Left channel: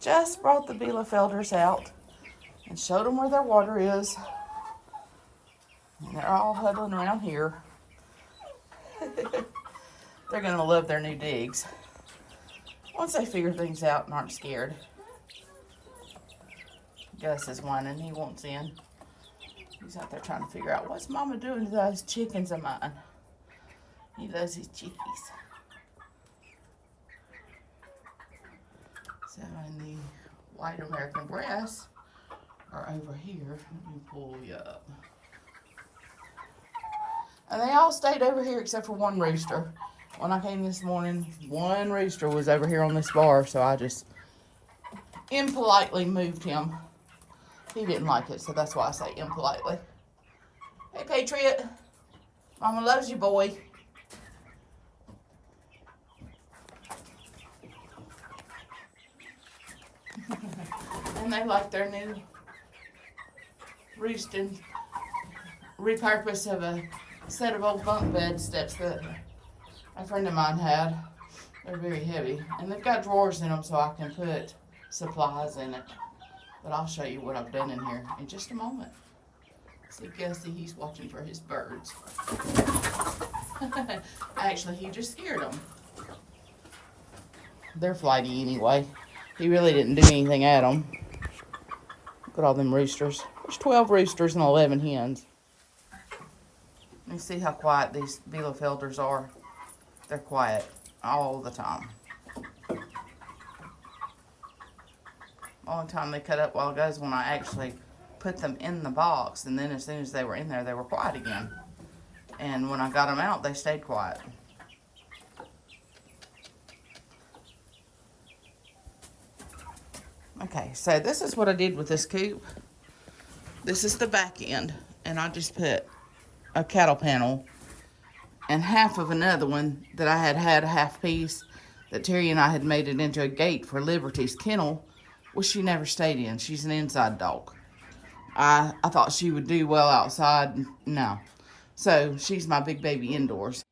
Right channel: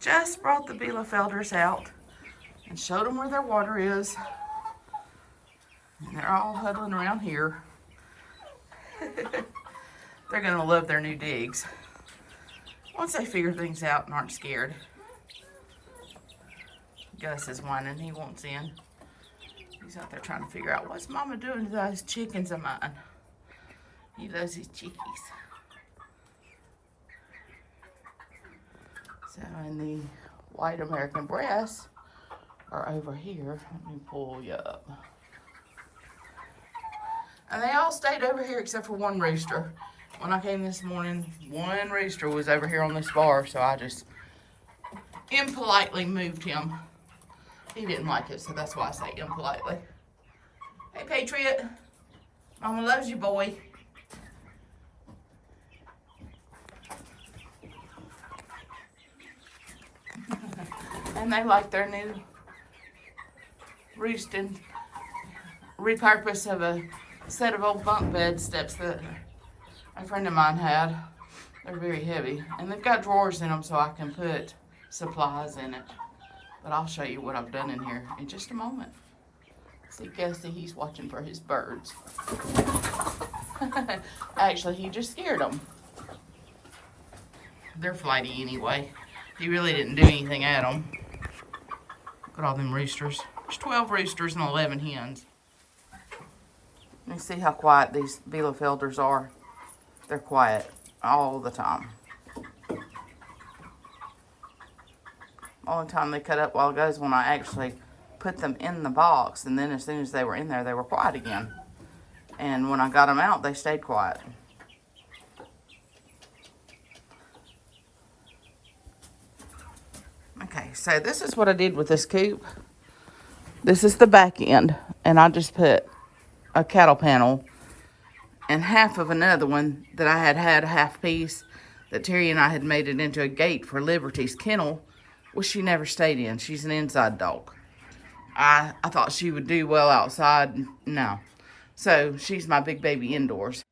Just brought the Bielefelders out and showed them where their water is. And they're all huddling around here. They're gonna love their new digs once they figure things out and aren't scared. Gus is whining, he wants in. He's out there trying to figure out what's Mama doing to those chickens of mine. He loves his chickies. So, and the white American breasts are over here. Let me pull you up. And they all stayed over here except for one rooster. When I came this morning, one rooster was over here on this bar, so I just impolitely moved him. He didn't like it, so that's why I say impolitely. Hey, Patriot. Mama loves you, boy. And they like their new roosting repurpose of a set of old bunk bed steps that a friend of mine had. They're very heavy. And they've got drawers in them so I can put supplies in it. But I'll show you what I've done in here in just a moment. See, Gussie, he's watching for his birds. Actually, he just scared them. They're flighty anyway. He really didn't do anything at them. Look at all them roosters. There's 12 roosters and 11 hens. Let me see how quiet these Bielefelders are. They're quiet all the time. Only time they cut up a while ago is when I actually put them in the box, and then as soon as they were in there, they were quiet again. And when I got them out, they stayed quiet. Okay, so this is what I did with this coop. This is the back end, and I just put a cattle panel and half of another one that I had a half piece that Terry and I had made it into a gate for Liberty's kennel, which she never stayed in. She's an inside dog. I thought she would do well outside. No. So she's my big baby indoors.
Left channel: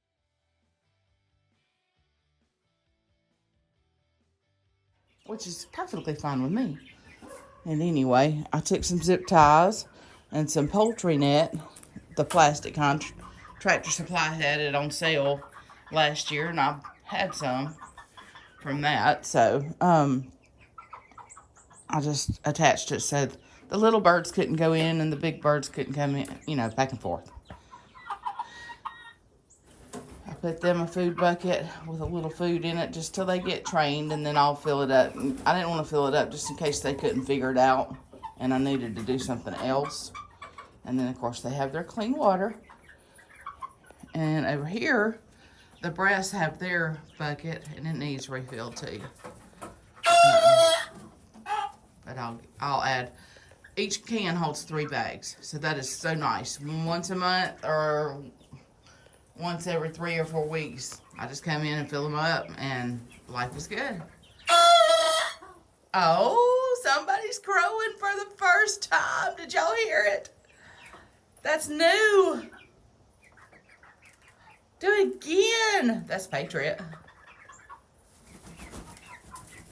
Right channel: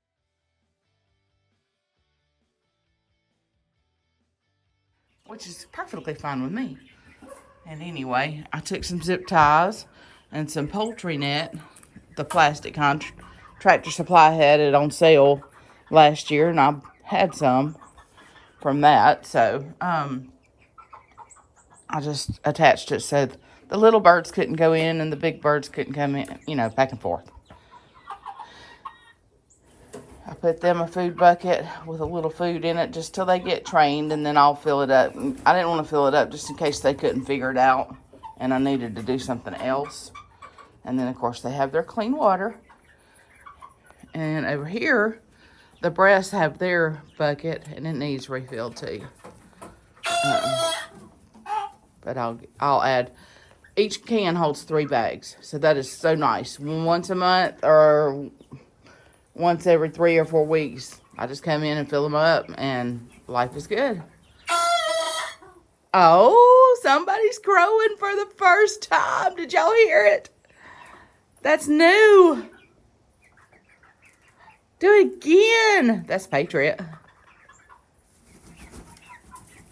Which is perfectly fine with me. And anyway, I took some zip ties and some poultry net, the plastic kind. Tractor Supply had it on sale last year, and I had some from that. So, I just attached it so the little birds couldn't go in and the big birds couldn't come in, you know, back and forth. I put them a food bucket with a little food in it just till they get trained, and then I'll fill it up. I didn't want to fill it up just in case they couldn't figure it out and I needed to do something else. And then, of course, they have their clean water. And over here, the breasts have their bucket, and it needs refilled too. But I'll add, each can holds 3 bags. So that is so nice. Once a month or once every 3 or 4 weeks, I just come in and fill them up, and life is good. Oh, somebody's crowing for the first time. Did y'all hear it? That's new. Do it again. That's Patriot.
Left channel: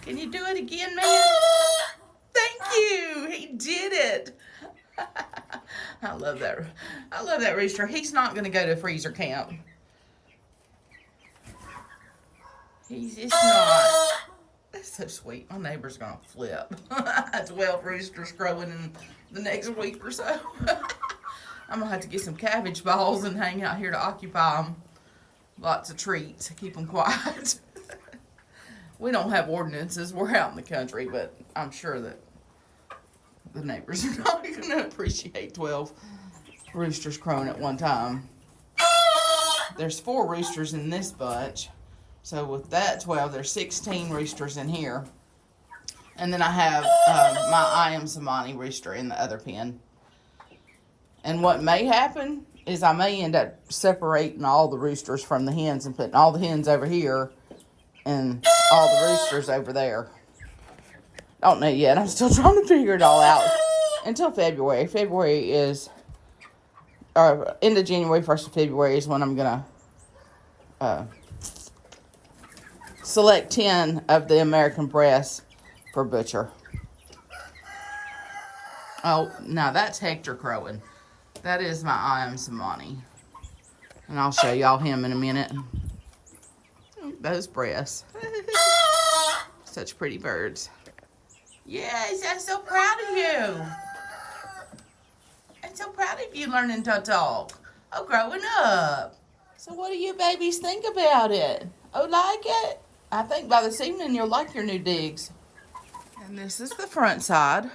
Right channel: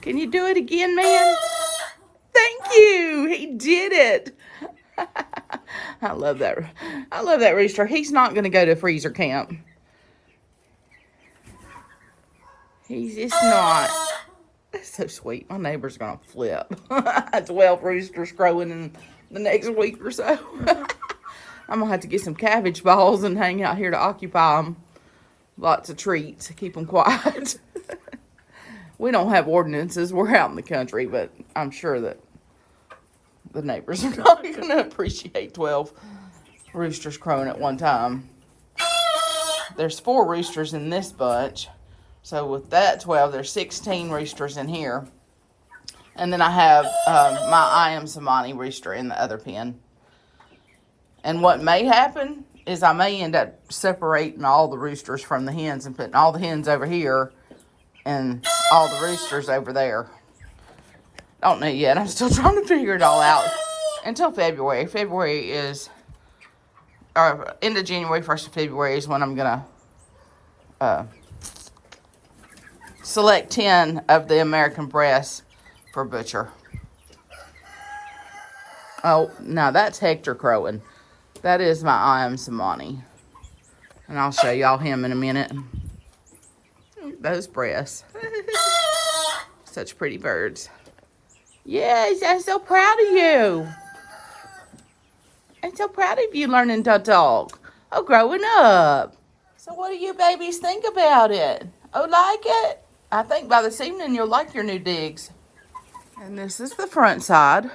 Can you do it again, man? Thank you. He did it. I love that. I love that rooster. He's not going to go to freezer camp. He's just not. That's so sweet. My neighbor's going to flip. 12 roosters crowing in the next week or so. I'm going to have to get some cabbage balls and hang out here to occupy them. Lots of treats to keep them quiet. We don't have ordinances. We're out in the country, but I'm sure that the neighbors are not going to appreciate 12 roosters crowing at one time. There's 4 roosters in this bunch. So with that 12, there's 16 roosters in here. And then I have my I Am Samani rooster in the other pen. And what may happen is I may end up separating all the roosters from the hens and putting all the hens over here and all the roosters over there. Don't know yet. I'm still trying to figure it all out until February. February is, or end of January, 1st of February is when I'm going to select 10 of the American breasts for butcher. Oh, now that's Hector crowing. That is my I am Samani. And I'll show y'all him in a minute. Those breasts. Such pretty birds. Yes, I'm so proud of you. I'm so proud of you learning to talk. Oh, growing up. So what do you babies think about it? Oh, like it? I think by this evening you'll like your new digs. And this is the front side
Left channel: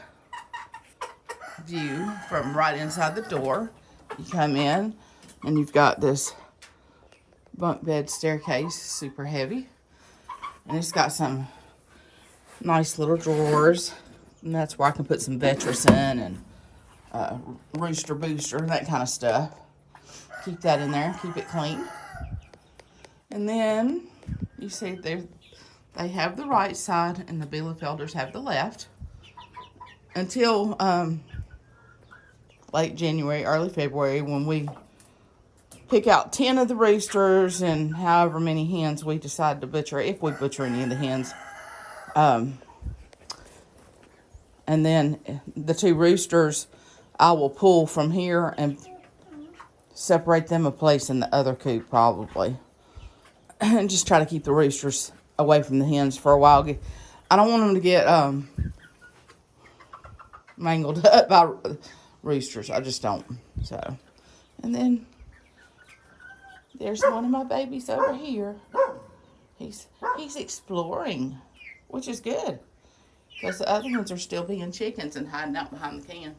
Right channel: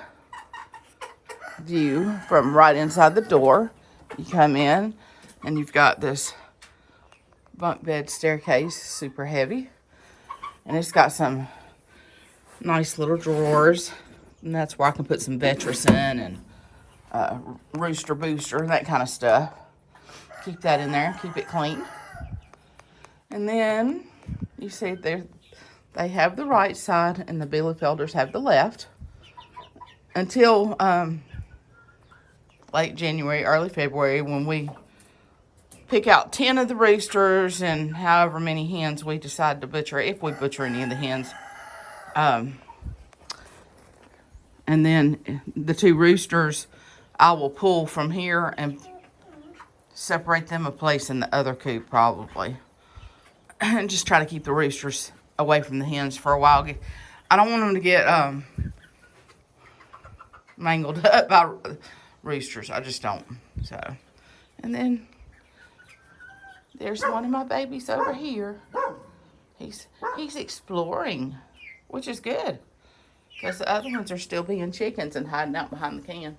view from right inside the door. You come in and you've got this bunk bed staircase, super heavy. And it's got some nice little drawers. And that's where I can put some Vetris in and rooster booster, that kind of stuff. Keep that in there, keep it clean. And then you see they have the right side and the Bielefelders have the left. Until late January, early February, when we pick out 10 of the roosters and however many hens we decide to butcher, if we butcher any of the hens. And then the 2 roosters, I will pull from here and separate them a place in the other coop probably. And just try to keep the roosters away from the hens for a while. I don't want them to get mangled up by roosters. I just don't. So, and then there's one of my babies over here. He's exploring, which is good. Because the other ones are still being chickens and hiding out behind the can.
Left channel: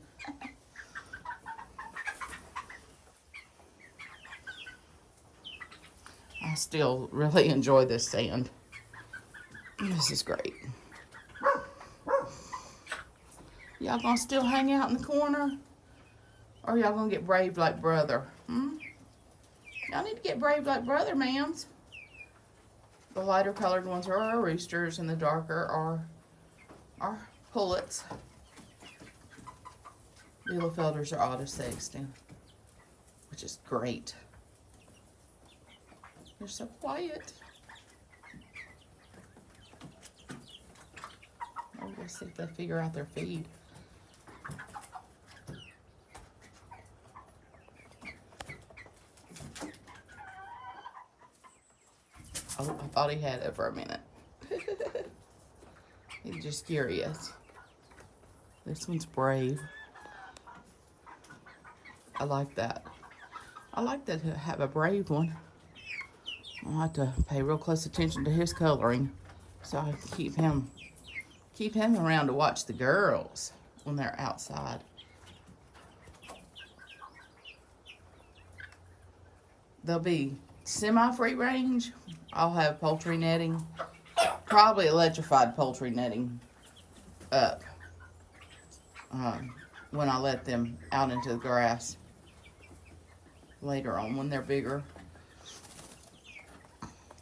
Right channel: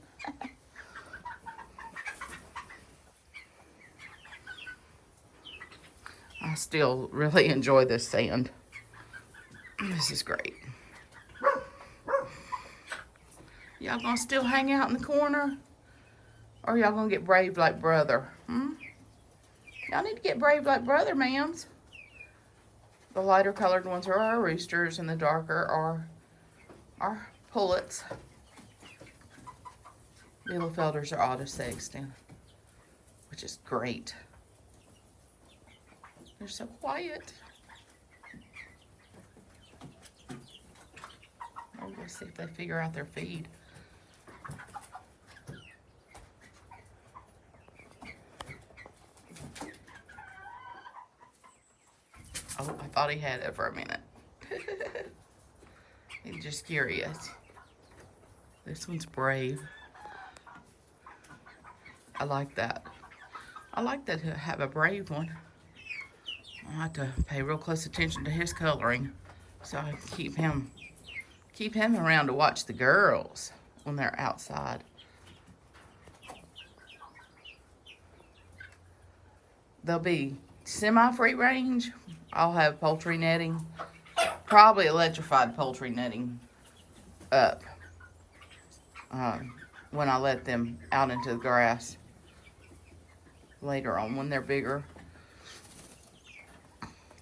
I still really enjoy this sand. This is great. Y'all gonna still hang out in the corner? Or y'all gonna get brave like brother? Y'all need to get brave like brother, ma'ams. The lighter colored ones are our roosters and the darker are our pullets. Bielefelders are auto-sexed, which is great. They're so quiet. Oh, let's see if they figure out their feed. Oh, I thought he had it for a minute. He's just curious. This one's brave. I like that. I like that to have a brave one. I'll have to pay real close attention to his coloring so I can keep him around to watch the girls when they're outside. They'll be semi-free range. I'll have poultry netting, probably electrified poultry netting up when I let them out into the grass later on when they're bigger.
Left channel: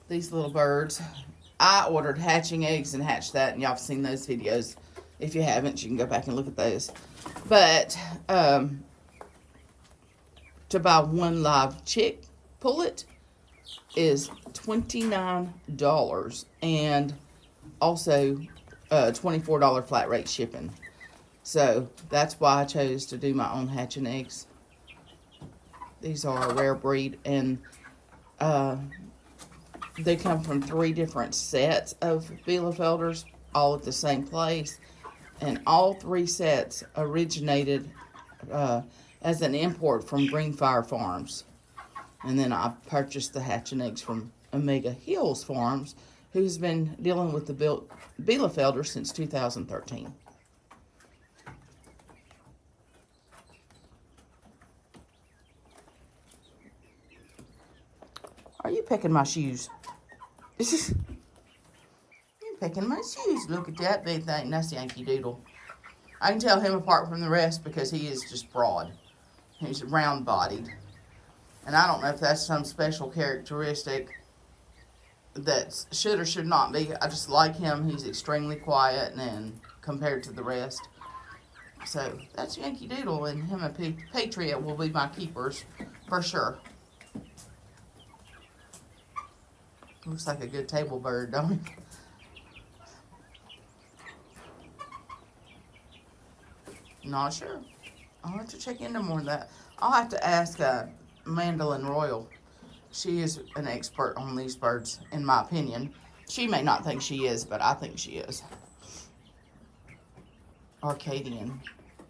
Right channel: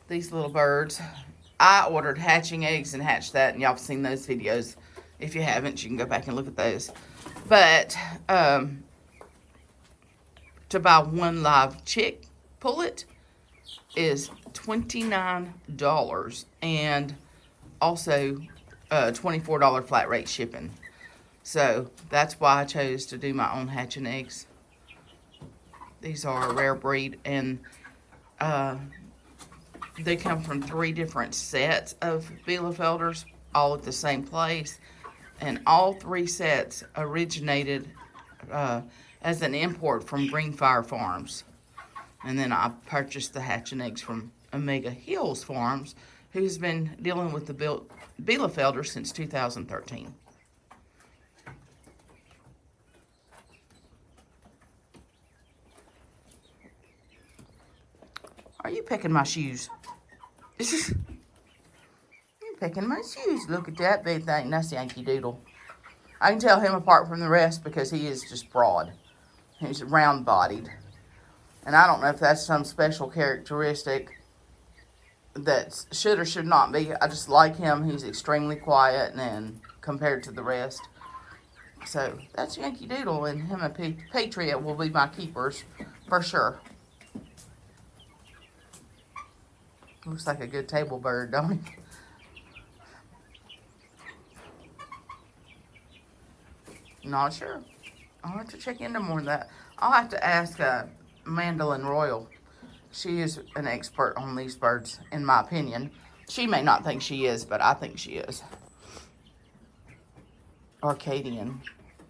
These little birds, I ordered hatching eggs and hatched that, and y'all have seen those videos. If you haven't, you can go back and look at those. But to buy one live chick pullet is $29 and also $24 flat rate shipping. So that's why I chose to do my own hatching eggs. These are a rare breed, and they come from 3 different sets of Bielefelders, all at the same place. And all 3 sets originated as an import from Greenfire Farms. And then I purchased the hatching eggs from Omega Hills Farms, who's been dealing with the Bielefelder since 2013. Are you picking my shoes? You're picking my shoes. Look at that big thing. That's Yankee Doodle. I can tell him apart from the rest because he is just broad. He's round-bodied. And I don't know if that's some special characteristic that should or should not be. I just like him. He's extremely quiet and compared to the rest. So that's Yankee Doodle, and him and Patriot will be my keepers for sure. Looks like a good table bird, don't he? Not sure. I'll have to check into more of that. I'll have to ask Mandolin Royal. She is an expert on these birds, in my opinion. She may not think she is, but I think she is. Arcadian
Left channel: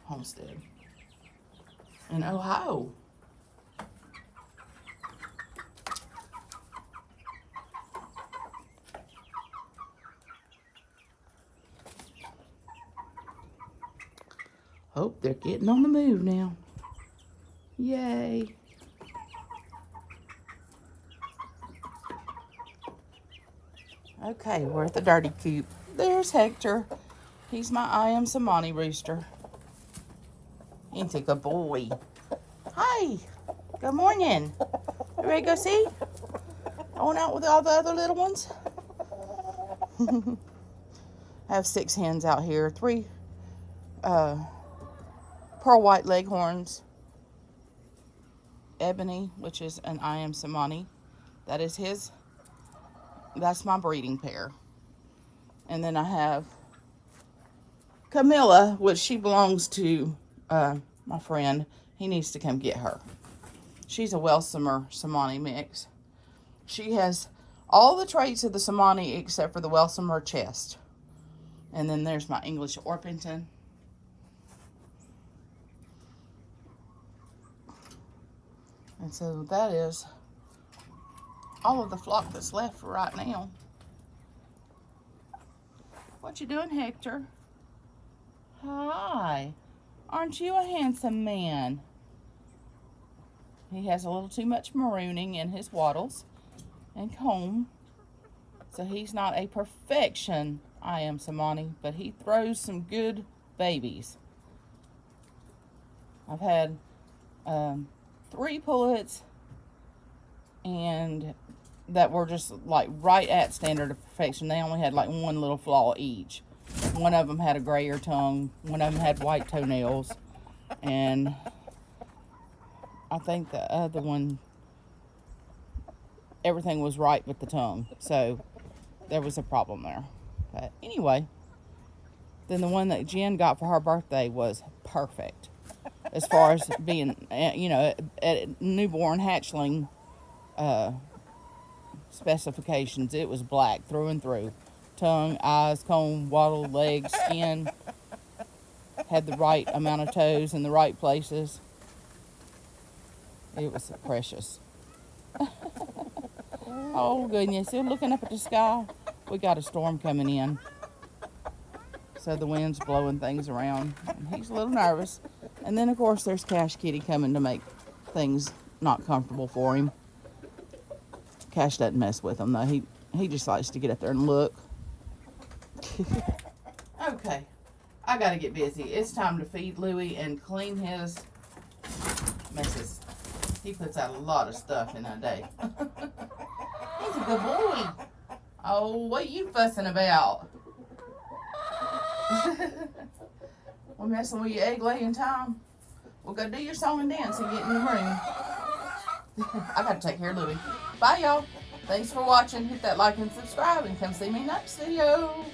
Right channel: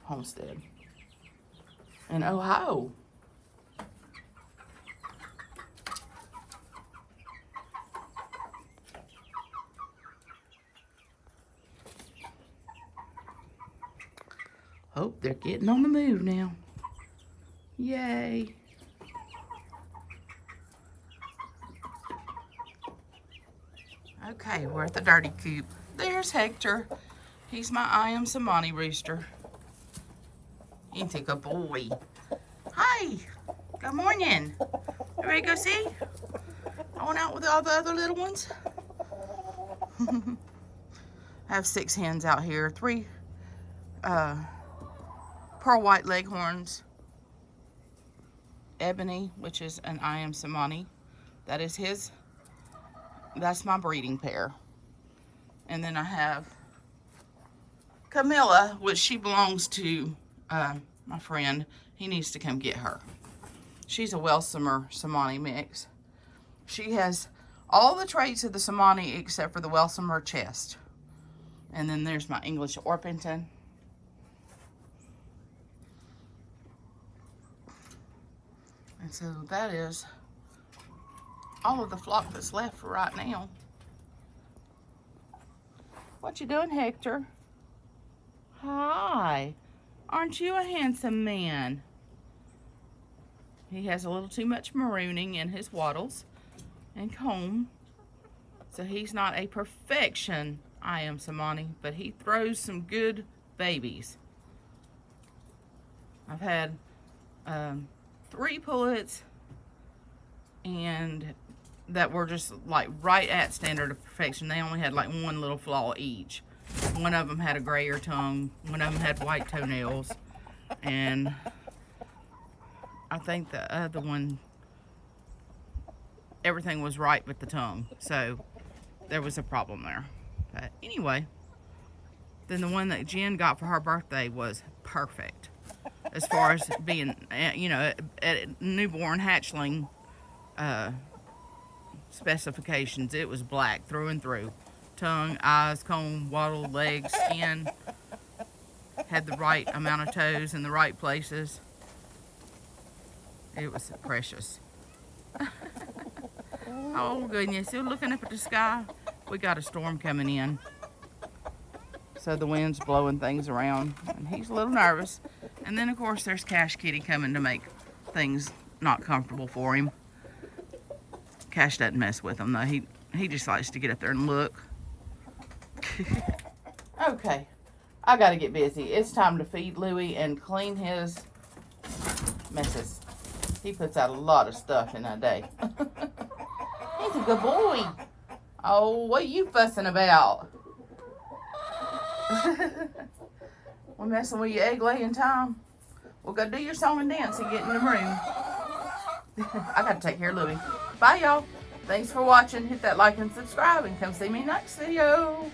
Homestead in Ohio. Oh, they're getting on the move now. Yay. Okay, we're at the dirty coop. There's Hector. He's my I am Samani rooster. Ain't he a good boy? Hi. Good morning. You ready to go see? Going out with all the other little ones? I have 6 hens out here. 3 pearl white leghorns. Ebony, which is an I am Samani. That is his. That's my breeding pair. And then I have Camilla, which she belongs to my friend. He needs to come get her. She's a Welsomer Samani mix. She has all the traits of the Samani except for the Welsomer chest. And then there's my English Orpington. And so that is all of the flock that's left for right now. What you doing, Hector? Hi. Aren't you a handsome man? He has a little too much marooning in his wattles and comb. So he's not a perfection, I am Samani, but he throws some good babies. I've had 3 pullets and that were just like right at standard of perfection. They only had like 1 little flaw each. One of them had a grayer tongue. One of them had white toenails. And I think the other one, everything was right with the tongue. So there was a problem there. But anyway, then the one that Jen got for her birthday was perfect. As far as being, you know, at newborn hatchling specifications, it was black through and through. Tongue, eyes, comb, wattle, legs, skin. Had the right amount of toes in the right places. It was precious. Oh goodness, you're looking up at the sky. We got a storm coming in. So the wind's blowing things around. And he's a little nervous. And then of course there's Cash Kitty coming to make things not comfortable for him. Cash doesn't mess with him though. He just likes to get up there and look. Okay, I gotta get busy. It's time to feed Louie and clean his messes. He puts out a lot of stuff in a day. He's a good boy. Oh, what are you fussing about? We're messing with your egg laying time. We'll go do your song and dance and get in the room. I gotta take care of Louie. Bye, y'all. Thanks for watching. Hit that like and subscribe and come see me next video.